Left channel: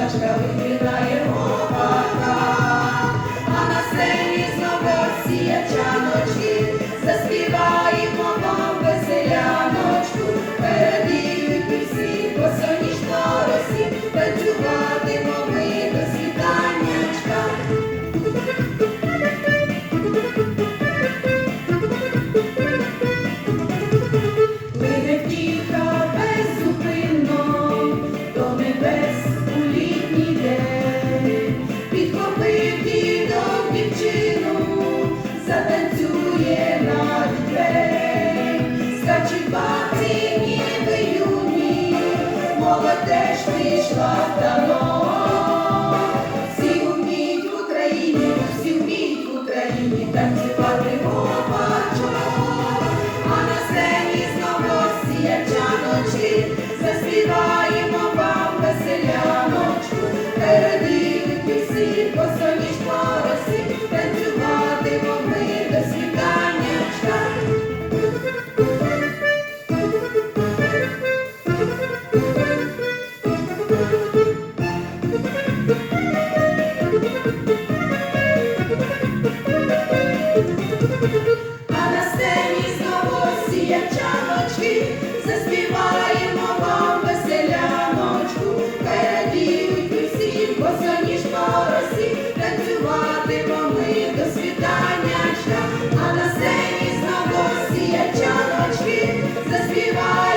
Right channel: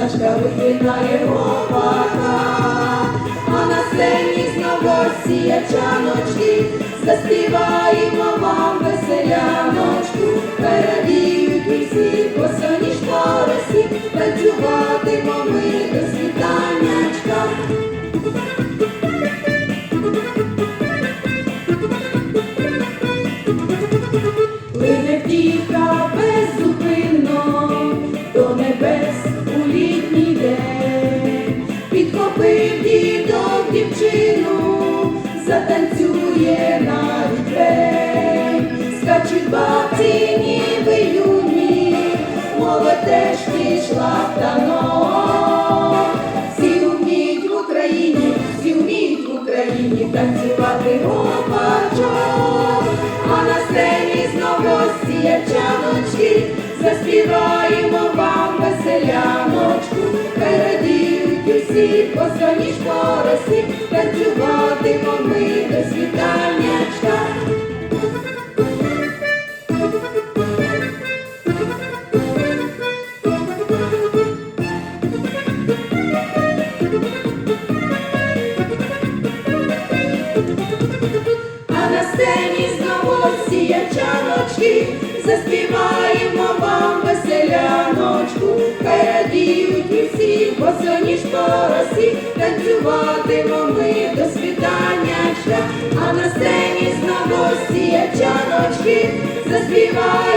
Пташка, вигинає гопака. А на сцені знов росіячаночки, заспіваємо вам веселяночку, перевірю усі Всі вміють в Україні, всі вміють в Україні танцювати гопачок. А на сцені знов заспіваємо вам веселяночку, передивуть усі посоніж а на сцені знову сіє чаночки, заспіваємо вам веселяночку, хай радіють усі бо сьогодні ж поросі, танцюватимо ми до світанячка, а на сцені знову сіє чаночки, заспіваємо.